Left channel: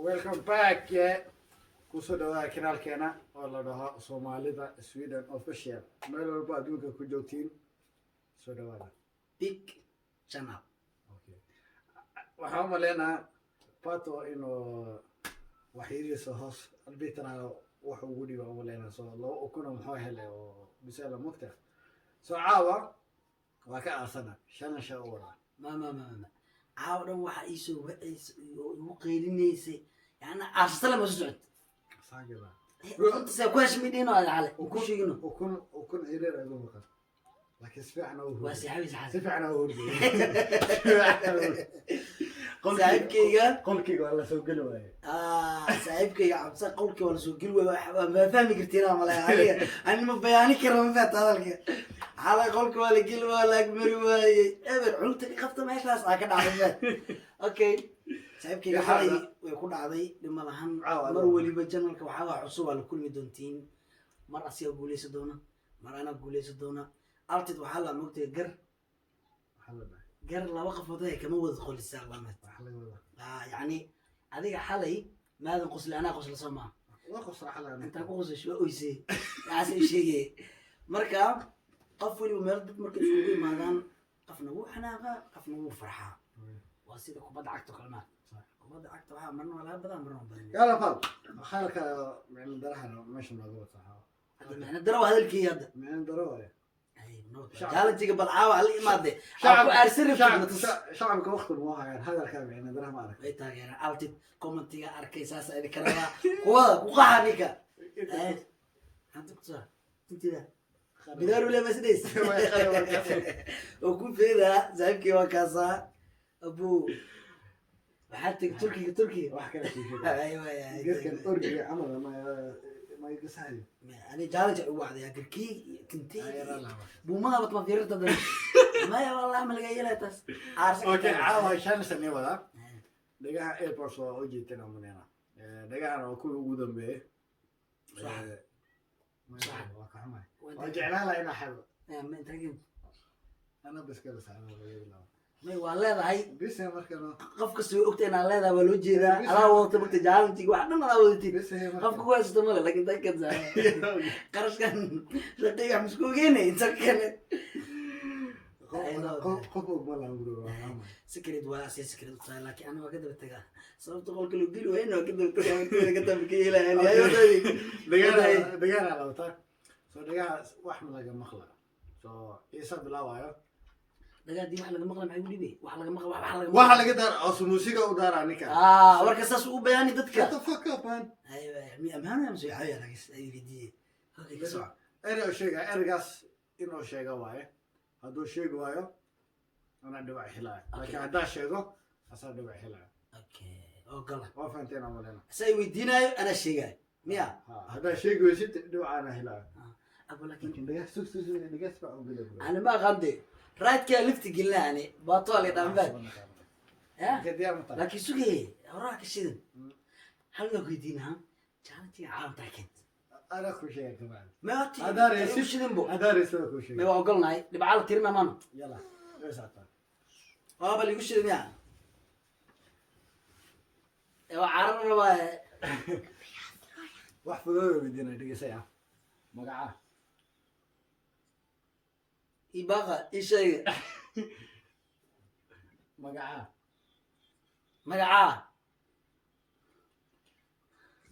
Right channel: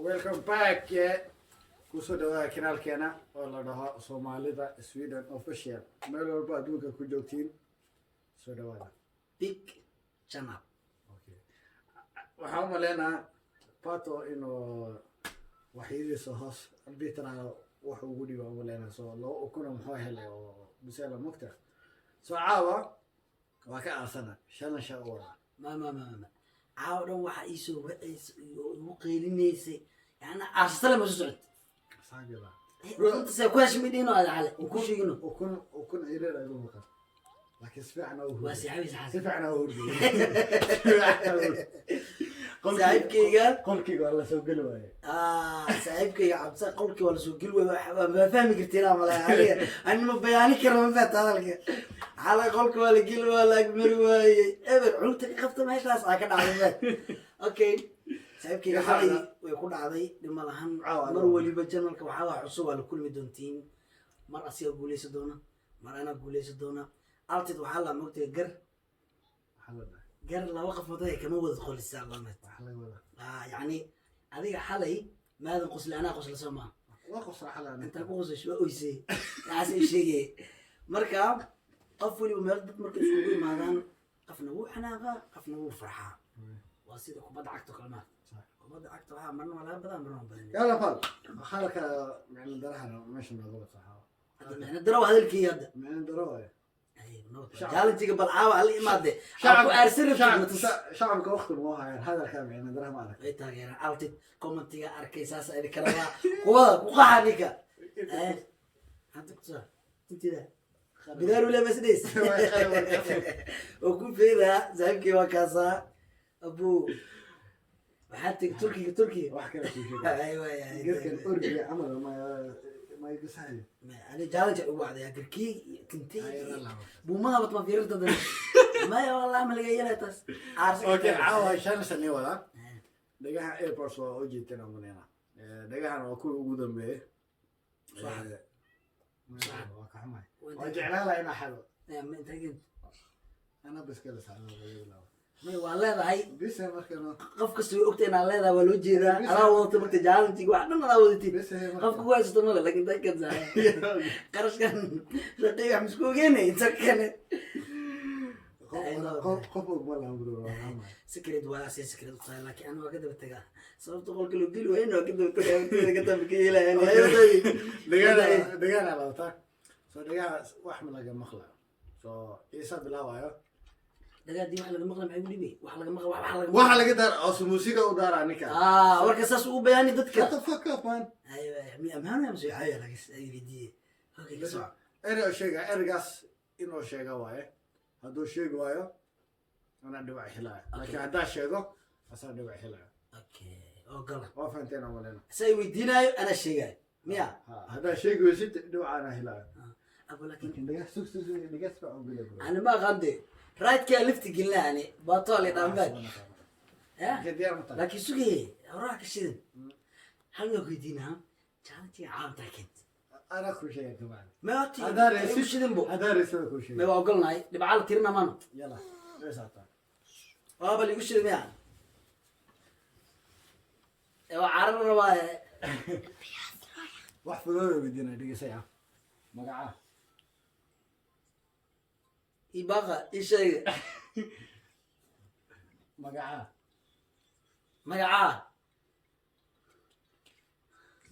welcome back kusoo dhawaada kanaalkeena oo la dhaho Soomaalida Sweden official meel walba adduunka ku joogtiin soo dhawaada big channel. okay waxaan maleynaa pato inuu waxiiriso hoos albitana wax ugu dhigo oo maleynaa soo loo ukuna muxuu helay oo bisala mugta soo caawa waa ka aasana shanasha wada ما عاودن waxa ii soo wacaysa iyo qeylinaysa yani aasala ma socod saagaba runta se kuwash midino ala hale ku sheegino ukun ireer ay ugu qas laakiin sifacna oo waa saxaabis xasan sifacna oo hurdo qolkiga wala soo gali waaye saaxiibkayga cabsa qolkiga wala soo gali waaye ma fahmi kartiin ama la ani ma bayaani karo ma faahta hadalka xalay qolkiga wala gali wala agmari waaye eber cunta ka qabta meeshaas ka dhacday okay saaxiibkayga xalay way ku dhacday dhima lahan mar waliba channelka waxa wax cusub la kulmi doontiin mar asiga guuleysa doona mar ana guuleysa doona altid waxa la moogtay gar laba qafood ay kama wada qolisaan lama يعني هذيك حالي ماذا قصل أنا قصل سما وقص حلا أنت قصل شو أيسي عسى شيء مركب قفل ومرد مركب شوي ماذا قفنا هو حناقة قفنا هو فرحة واسيدك وبد عكتك كلمات وبد عكتك ها مرنا ولا بدأ مرنا يلا فل خالك من درحنا مش نقول صح أنا دروا هذا الكياد من دروا جالنتي قبل عاوة اللي ماده شعبك وقت الموها هذا الكلام يعني درهم عليك اي تاغير عالتي كومنتي اركي ساسا اذا كرا وقحنيكا عندك صح انت ذا بدار ولا مسديس وكون في ذا زعيمكي وكاسا ابو حتى تركي واحد كذا شيء ايوه يا قلت الأورجي عمره ما يقصها أنا جالس أقول يا كركي كنتي بوما بطل في رد ما يا والله ما لقى يلا تس أوكي عاوة شان سني ولا دقيقة إيه برسوا أجي تنا من هنا دقيقة أنا أكون وجودهم به صح صح وكمان وجعلها لا إنا حلو من تجين أنا بس كذا سأنا ما والله هاي بس هي مركنا قف كسوي أكتين على هذا ولوجي ذا أنا وقت بقت جالنتي واحد ما وديتي بس هي قف كويس تمر لكن ده كذا قرش كان لقيك مسكوجيني يتسكن قفوا ولا أمبرو سكرت ولا سكرت صاير لكن أنا وكذا بتجاه صرت أقول كله قيلوا هنا وكذا بتجاه كذا بكيلا يعني دقيقة على وطاك سو دقيقة واحد لقى مخلع سو يسب لا وايو دقيقة دي واحد لقى مخلع معي يقول لي واحد لقى مخلع واحد لقى دار أصل موسيقى ودار عنك ورك أساس وبياني ضدك Shut the fuck up man أيوة مي أمانة يا مسوي حيا لكن أي فيديو أوكي صح إنه شيء إرجاس إنه شيء وايه هذا شيء وايو أنا دبع حلا لكن هذا شيء أصلا دبع حلا أوكي أوكي وفنتين عملنا سوي فيديونا أنا الشيء ميا هذا شيء ويسيت دبع أنا حلا أقول لك لكن دقيقة سوس دقيقة سبعة وقلب أنا ما غندي رايت كلفت قلنا يعني باطول يدعم بك لكن سوقي وراك الشيء هل لو قيدينها كانت عام تاكنت أنا كل شيء كمان ما أتي هذا رئيس شدنبو هذا رئيس كل شيء ما وقلنا اللي بعال كريمة مانو يلا ليش هذا بابا اللي يقول يعني ايوا عرب رواية واحد فلوس بدينا دقيقة ساعة مقعة يبغى إيش مقعة مقعة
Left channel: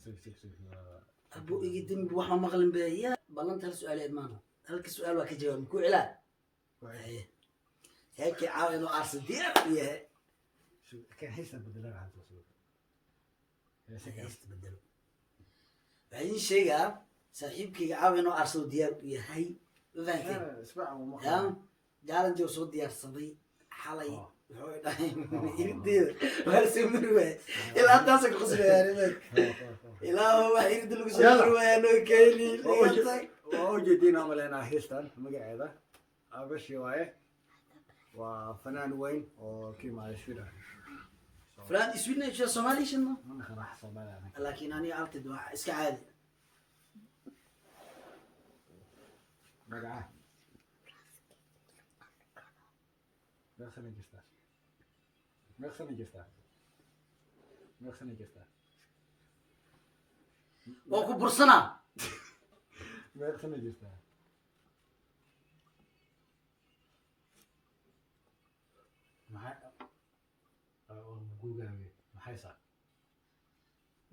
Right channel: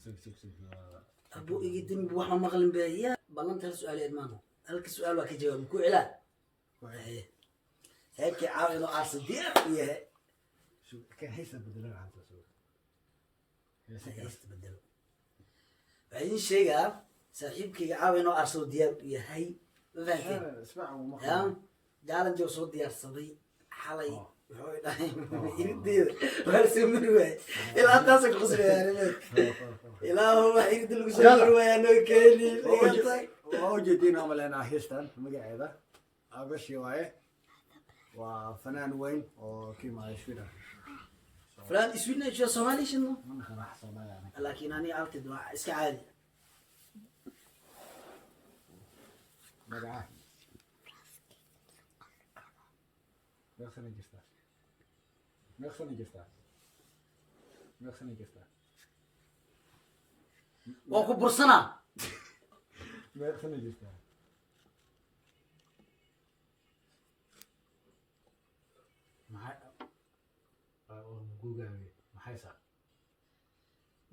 سك أبو يقدم بواحد مغلم بيا بلنت هالسؤال إدمانه هلك السؤال وك جواب مكو علا هيك عاون عاصم دير وياه شو كان حسنا بدلنا عن تسوق هيست بدل بعدين شيء صاحبك عاون عاصم دير وياه أنا اسمع يا قال أنت وصوت ديار صدي حالي يدير وهرسي مروي إلى أن تاسك قصبي يا رمك إلى هو يريد لك سمروي أنا كيلي وجدنا عملنا هيستان مقعدة أبش يواي وفنان وين وكيما سويدن فلان سويدن إيش الصومالي شنو؟ من خلاص صومالي لكن أنا عرفت دواء إسك عادي مقعة مخسن جستا waa ku bursanaa meeqsana jirtaa maxaysaa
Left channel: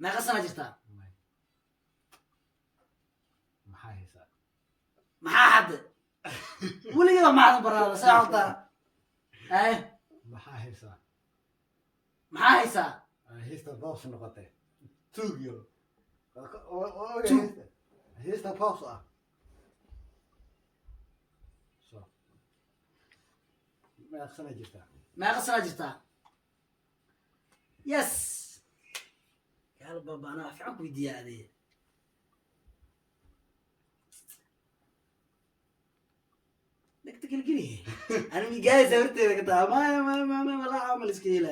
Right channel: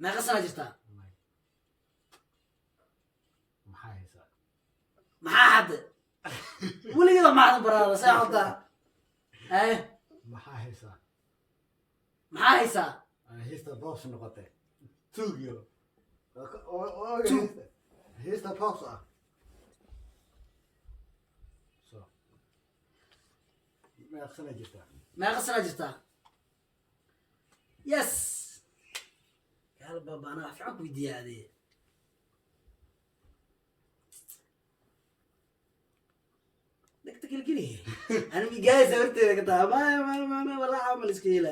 meeqa sana jirtaa maxaa haysaa maxaa hadde weligeeda maxaad baraada saa wadaa maxaa haysaa maxaa haysaa heesta boos noqotay tugyo Tug. heesta boos ah so meeqsana jirtaa meeqa sana jirtaa yes yaal baba anaa wax fiican ku weydiiyaa adee dhegta gelgeli ana migaaysa horteeda ka taa ma walaa camal iska hela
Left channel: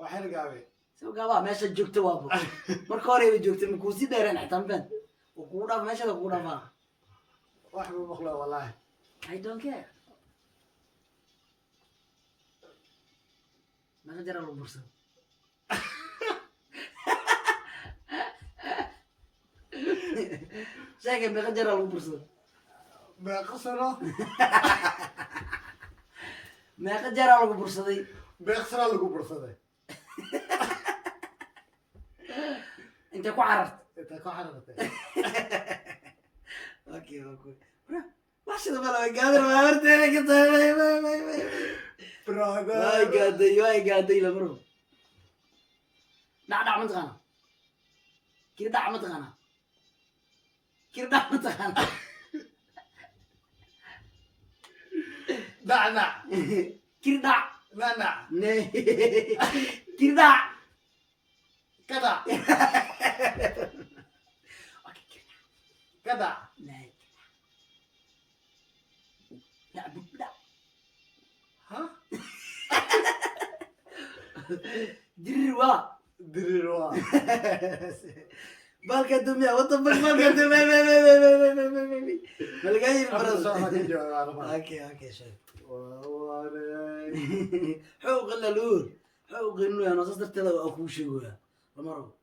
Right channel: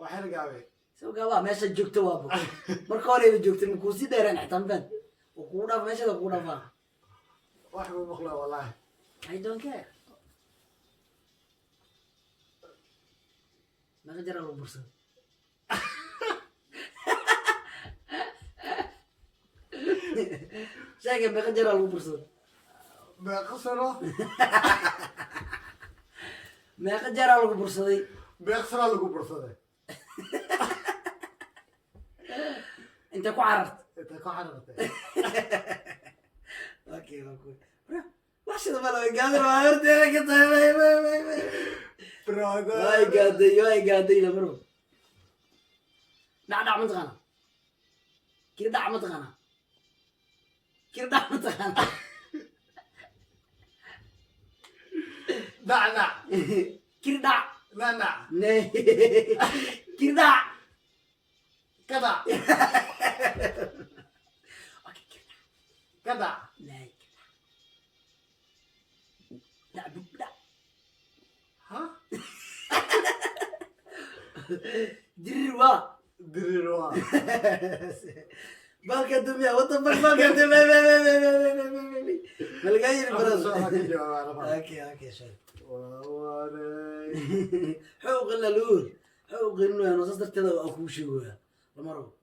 waxaan gaabay soo gaabaa meesha joogta waabo marka horeba joogtay ma kuusii dheeraan xitaan ben oo kugu dhaaf meeshada kugu dhaafaa wax ma maqlo wallahi I don't care meeqa jara lagu bursan sheegay meeqa jara lagu bursan meeqa sano meeqa jara lagu bursaday meeqsana lagu bursaday intay ku cararta inta ka xarartay okay wax sida malo way gaaday waa horteeda ka tahay brother way gaaday lamaro dhac mataqaana kiri dhac mataqaana kiri dhac mataqaana nacnac kiri dhac nacnac ne kiri dhac kadac kadac ne dhac bud dhac ha dirir waa dirir waa balka dumiya wada balka dumiya malga yiri Hadda soo barada ka jawaab okay shay waanay حقوق اللور حقوق انه انا صرت كذا اكو شيء ولا لمرو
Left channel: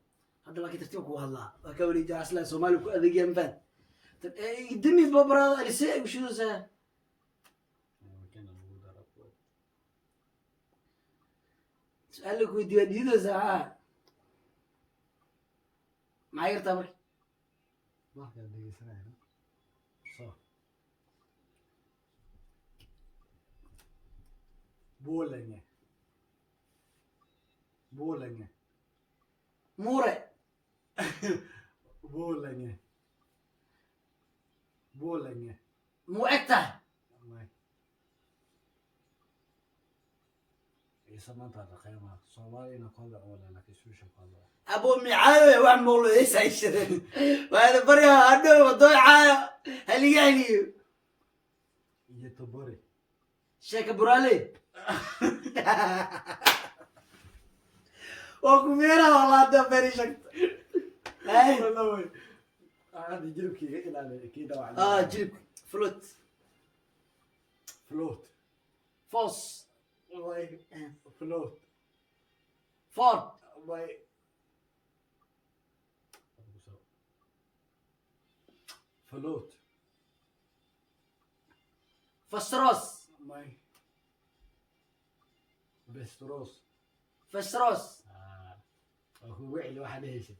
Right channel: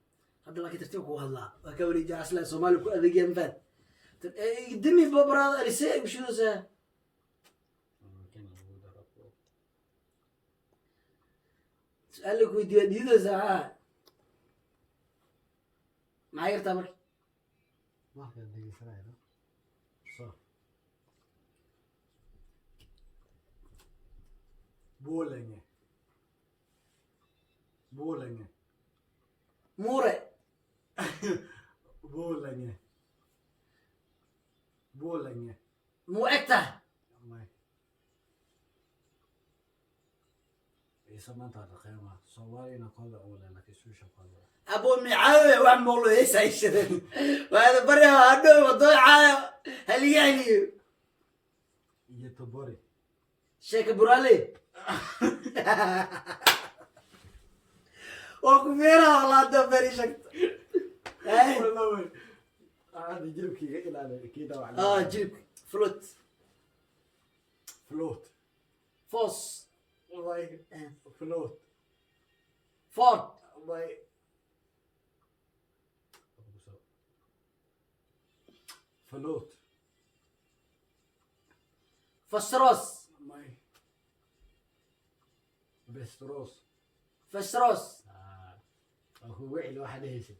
هذا لك ترتيبك والله وكوري جا اصلا سومالي كو ادق ينفن دمي ببرا لسه وشو ذا سألك ودي دي ذا ما يرتبك ما كان دقيقة صح بولنج موري بولنج مو اكته سمعت هذا قيمة صومالي نقول أولا لك سوشة قادة ابو معاويه وعم والله ايش عيشتني وهذا بريها عنده وضيعه هل يعني يتبوري شيك برالي وكميرا والله ده بري شكت والله عادي جيب كي إلى كده جيب فلوت فلوت فوس والله فلوت فورد والله فلوت فستروس ماي بستروس فستروس هو وعي الواحد هيسي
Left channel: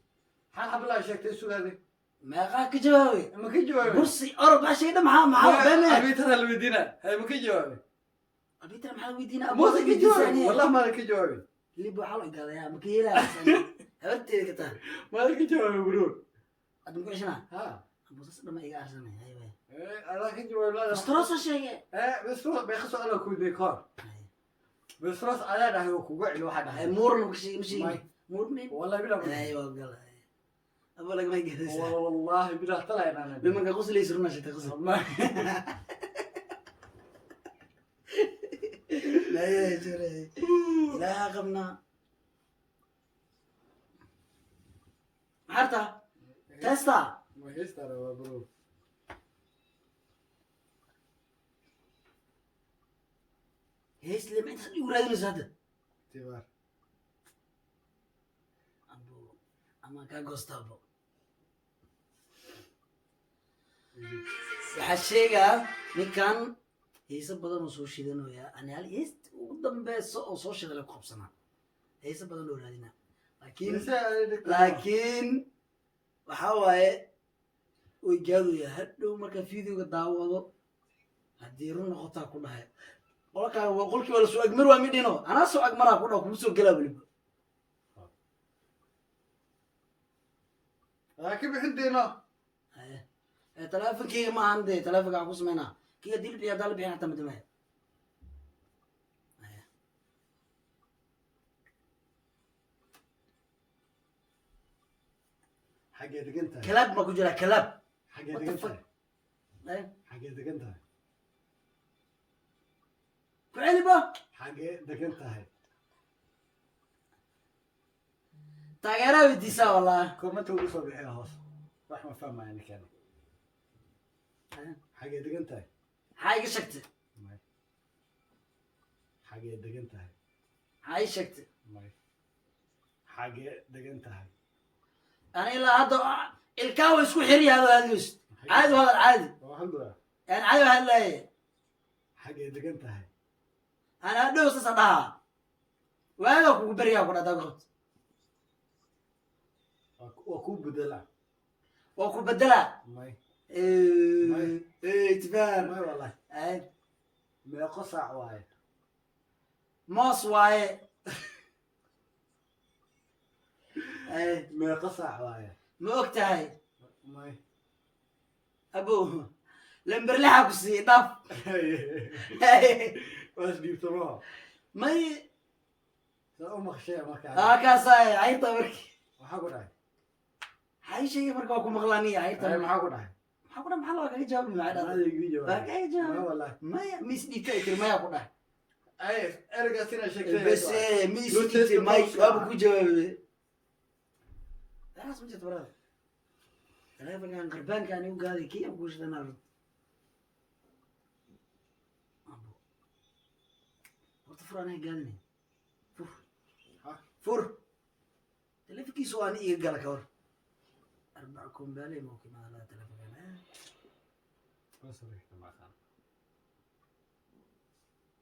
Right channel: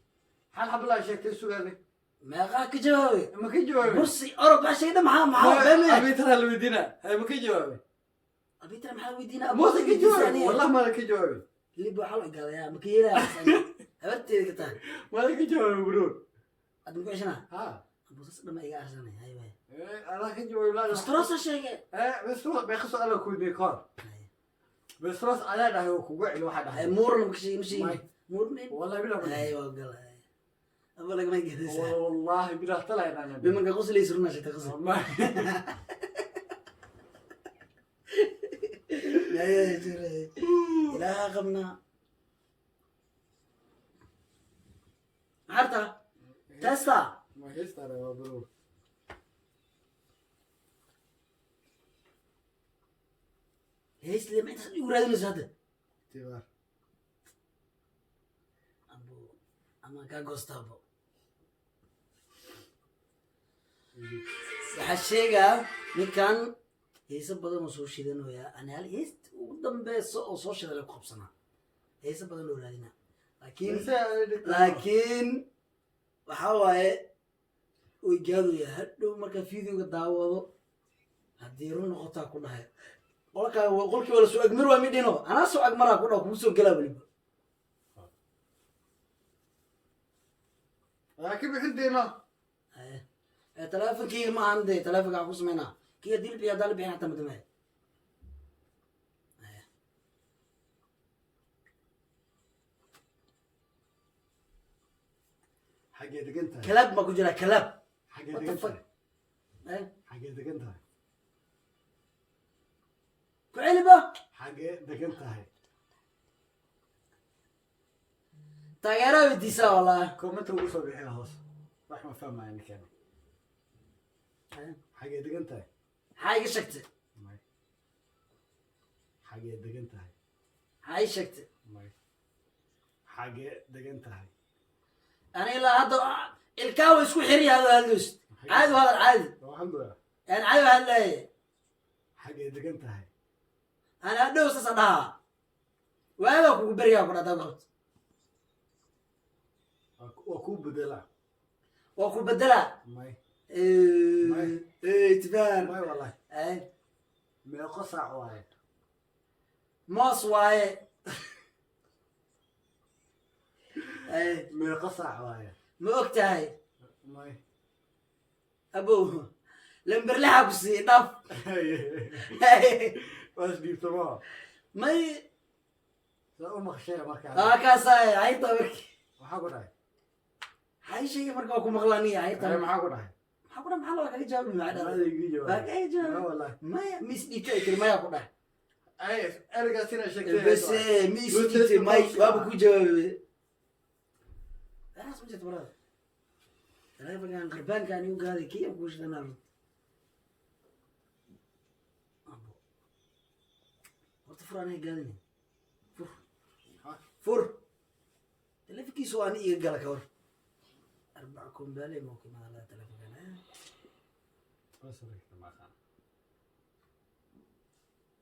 حال حب الله شيك تسوق هذه ما غاك جوابي ما كي جوابي برسي أربع شيء ده معاه أبي ترى اللي بدينا هاي ما كي جوابي أبي ترى محل ويدينا مو كي جوابي والله ما كي جوابي اللي بحاول قال يا مكيلة أبتي كتان ما كي جوابي برو أدم كويشنا ها بس لما يجي أحسن هاي أنا كي جوابي لا فستروس شيء بستروس بيخص أنا كود ديكار بستروس أنا ده هو كوجع الواحد هاي مور مشي ماي. مور منين والله بلا أيوة قال أقول لك ما يجلس والله بلا طلع أنا بما غسل يسرنا شيء تغسل ما لا يا جري لا غبنا عرفت تستا ما يستر برو هيس اللي ما تسوي ورادنا هذا تبار ama kaa goostaabo waxaa sheegaa ninkan heese badan oo soo shidanooyaa ani hal heesta ugu dambeyso oo soo shida lagu qabsanaa heese badan oo raadina laakiin waxaa waaye way gaadooya hadhow markaa videoga daawado haddii run noqotaa ku dhahay qolkii wala soo agmar waa midhino anaa soo agmaraa ku dhaho kugu soo gelaa weliba laakiin bixintiina teleefonkeyga ma ahan dee teleefonka waxaa ku sameynaa kii haddii la bixiy haddaan la bixin hataa madamaya xaggee degan tahay kalaab ma ku jiraa kalaab xaggee degan tahay xaggee degan tahay ku celiba xaggee degan tahay taageeraa weydiisaa wallahi koomanta ugu soo bixina hoos wax ma fahmaya ninkan xaggee degan tahay maxaa iga sheegtay may xaggee degan tahay maxaa ii sheegtay may xaggee degan tahay ani ilaa hadda ilkaa wa isku xiriya hadoo hadloys caadi u hadal caadi alxamdulilah yani caadi u hadlaaye xaggee degan tahay ani hadhow sasa dhahaa waagaa kugu beriyaa ku dhadaa qabto waa kuu bedela waa ku bedela may tifaan may wallahi meeqo saac waaye moos waaye meeqo saac waaye ma og tahay may abow lamber lixa ku siiyey dhaf waas dhiibtamo may saa u maqshee markaa kaasaa cayrta marki maxaa ku dhahay maxaa ii sheegay marka waa ku maqlaaniya cayrta maxaa ku dhahay maxaa ku dhahay maxaa loo kaga jawaabi maa dhada adeegii waa kaga jawaab jawaab wallahi maya mis dhiibta ay tiri maya ku dhahay ay ergaas inay sheegtay bese mis dhiibtay may waaba ku jawaabe waxaas ma jirto barada teleefonkan qarbaankaan igu gaaday kii aan kuu shidanaa run horta fur anaa gaadinayn fur fur teleefonkiisu waa ani iga gala ka hor arbaca kombaale mawki madalada teleefonkan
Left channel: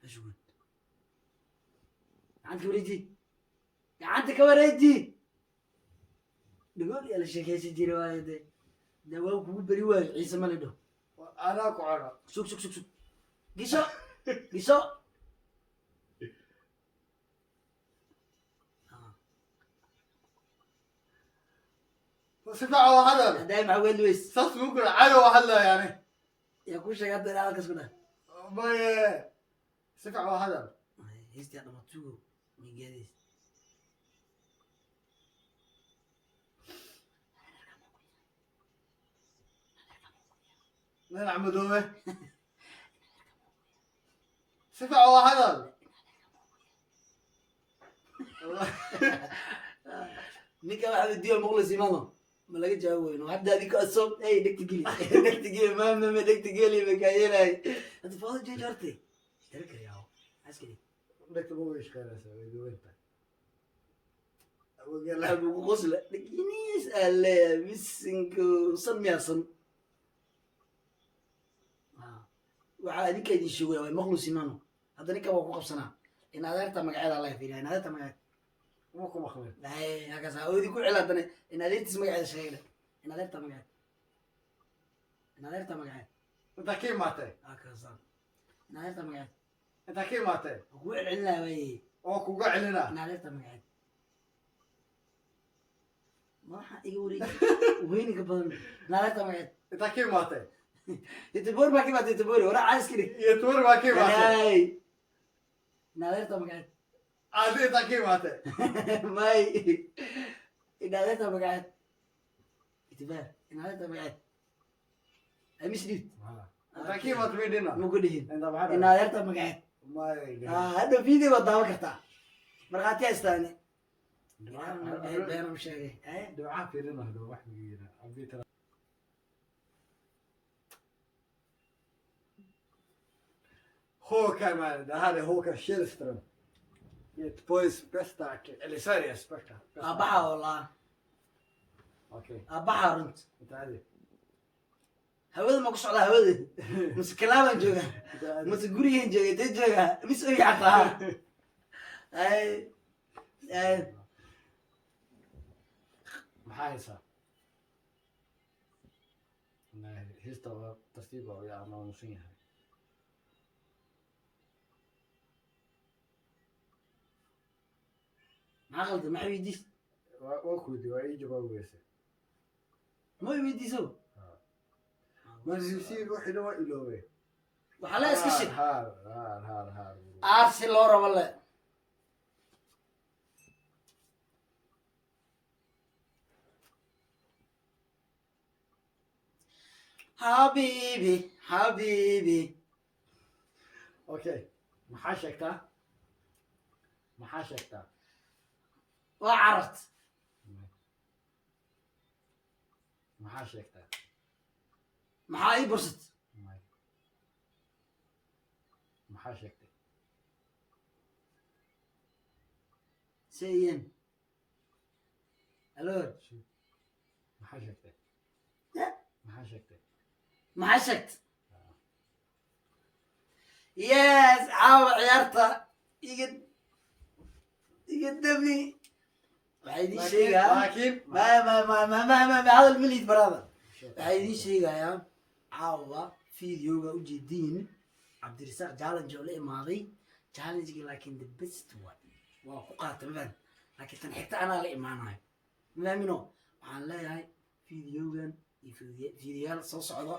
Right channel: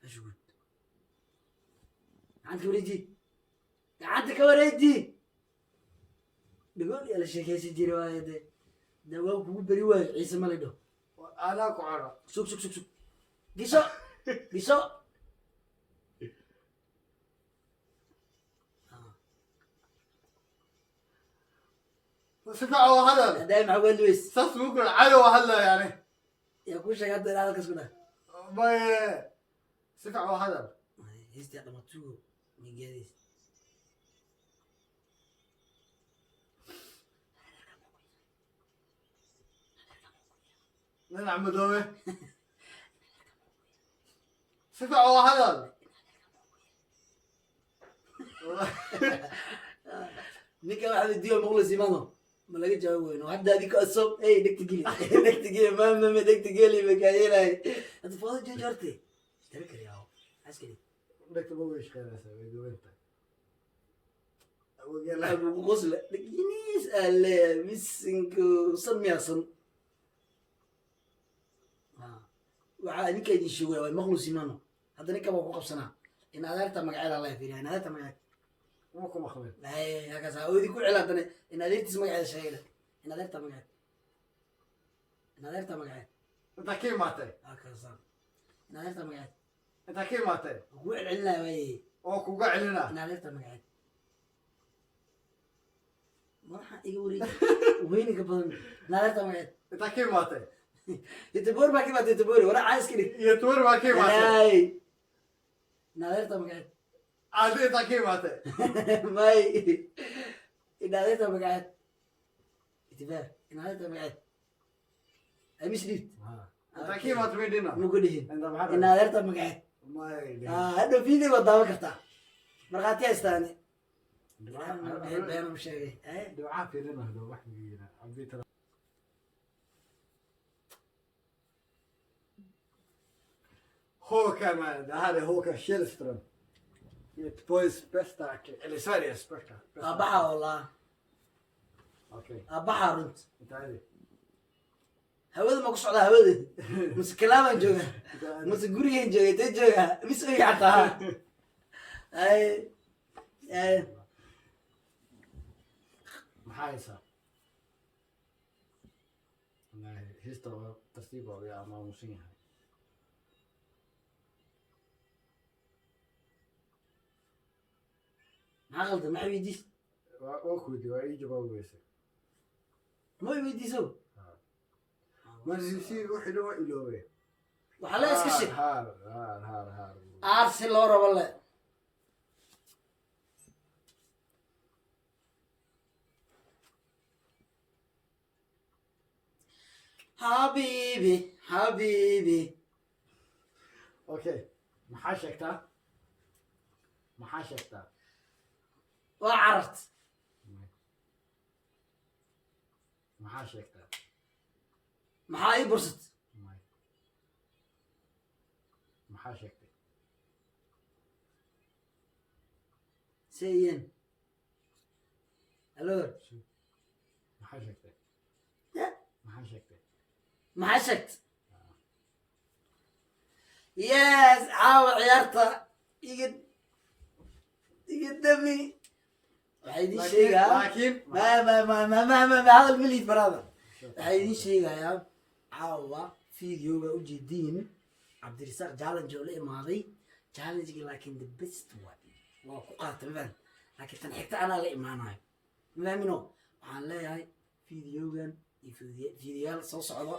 ashgud gacanta ka wareeji gacanta ka wareeji dhagool yaa la sheekaysan jira waayo dee dawaan kugu beri waayo ciise ma lidho anaa ku cono sug sug sug sug gisho gisho si fiican waa hadal haddaay maxaa weeli weys saas buu kula cayo waa hadlaya yani yaa kuu sheegay hadda ilaa halkaas ku dhah maye si fiican waa hadal heystii dhamatugo nigeediis ninac madoobe si fiican waa hadal ninka waxa weydiiyo muqlis imano ma laga jawaab weyno hadda adika asob ey dhegta geli dhegta geli maamame dhegta geli makaayelay hadda foodo jeejo horte ishtara kariyaawo askari dhegta ma way shaqeynaysaa way duwanta abugu qosla dheginiis ale misinku san miyaasan waxaa idinka idin sheegaya waa maqlus imano hadda ninka waa ku qabsanaa in adeerta magaceeda alla fiiriya in adeerta magaceeda ma ku maqleen halkaas oo idinku cel haddana in adeertiis magaceeda sheegayna in adeerta magaceed in adeerta magaceed intaa ka imaatay halkaas in adeerta magaceed intaa ka imaatay waa kugu celcelinaya waaye oo kuga celina in adeerta magaceed madaxa iga wareegi weyniga badan in adeerta magaceed intaa ka imaatay titobori baa ka imaatay titobori waraa caan iska dhig iyo tuur baa ka imaatay in adeerta magaceed aadi intaa ka imaatay may in adeerta magaceed itibaar in adeerta magaceed amis dhiib intaa ka imaatay may dhina muku dhihin intaa maxaa in adeerta magaceed may hadda video waad daawan kartaa markhaati haystaani beenam sheegay ducaa fiirina hado wax migiina abitara Håkan man, det här är Håkan Källström. Göteborgs bästa artist, eller Sveriges bästa. abaxa wallah okay aabbaxaa runta intaadi hawada ma ku socdaa hawada mase kalaabaan joogaa mase gurigaan jooga intee joogaa mis ogi xataa maxaa haysaa heesta waa tartiib oo yaa maamusan yahay maxaa qaldan maxaa weydiis waa kuudi waa ii jawaabaysa ma weydiiso marsi wixii waa iloobe waxaa le iska shig haar aarsi loo rabo le حبيبي حبيبي okay maxaa sheegtaa maxaa sheegtaa وعرفت maxaa sheegtaa maxaa ii bursat maxaa sheegtay سيين الو maxaa sheegtay maxaa sheegtay maxaa sheegt yes caawa ciyaarta iga dami waxay idiin sheegaa laakiin ma hadal malid barada waxay idiin sheegayaa caawa videoga ujeediin cabdirasaaq challenge oo la imaaday challenge-ga laakiin the best waa ku qaata mafaan laakiin tan xigta anaa la imaanayo mafaamino waxaan leeyahay videogan iyo videoyaal soo socdo